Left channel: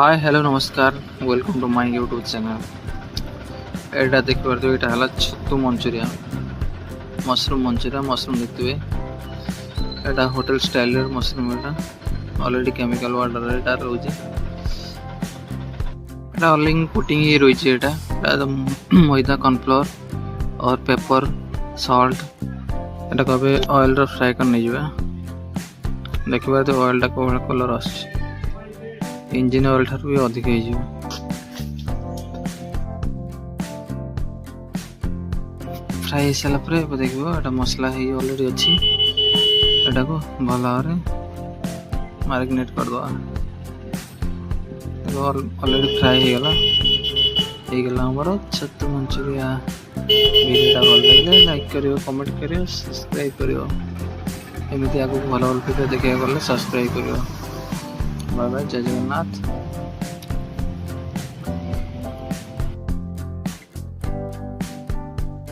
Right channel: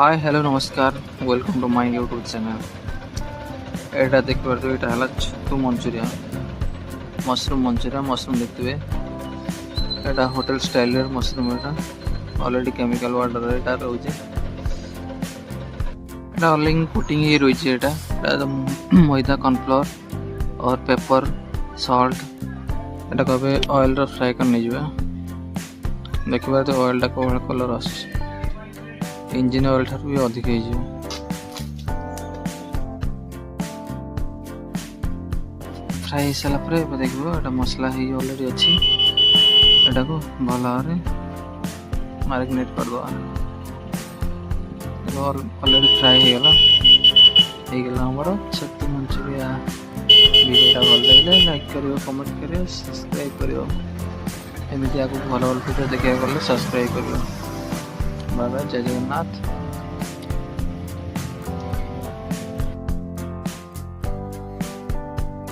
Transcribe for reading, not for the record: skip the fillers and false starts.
हाय hello नमस्कार welcome to my YouTube channel. एटा देख पारे एटा हला छतु मंचूरियन मशरूम देखते एटा होटल स्टाइल मशरूम एटा ऑलरेडी केमिकल वाटर एटा रोजे एटा ऑलरेडी पुटिंग ही रही है। एटा मैदा कॉर्नफ्लोर और पेपर सॉल्ट एटा कबे ऑयल रो फ्राई कर नहीं जुए देखिबा तो ऑयल टा कोहळ कलर आस इंजिन ऑयल ठार भी अधिक हो फ्राई हो सारापर देखो मसला ही ऑलरेडी अच्छी एटा को भल भाव मैरिनेट करदे ऑलरेडी फ्राई होगला आमर छतु मंचूरिया। वीडियो भल लगे लाइक करियो कमेंट करियो सब्सक्राइब करियो एमती आगे भल भल वीडियो देखा गले सब्सक्राइब करियो। बाय बाय जय जगन्नाथ।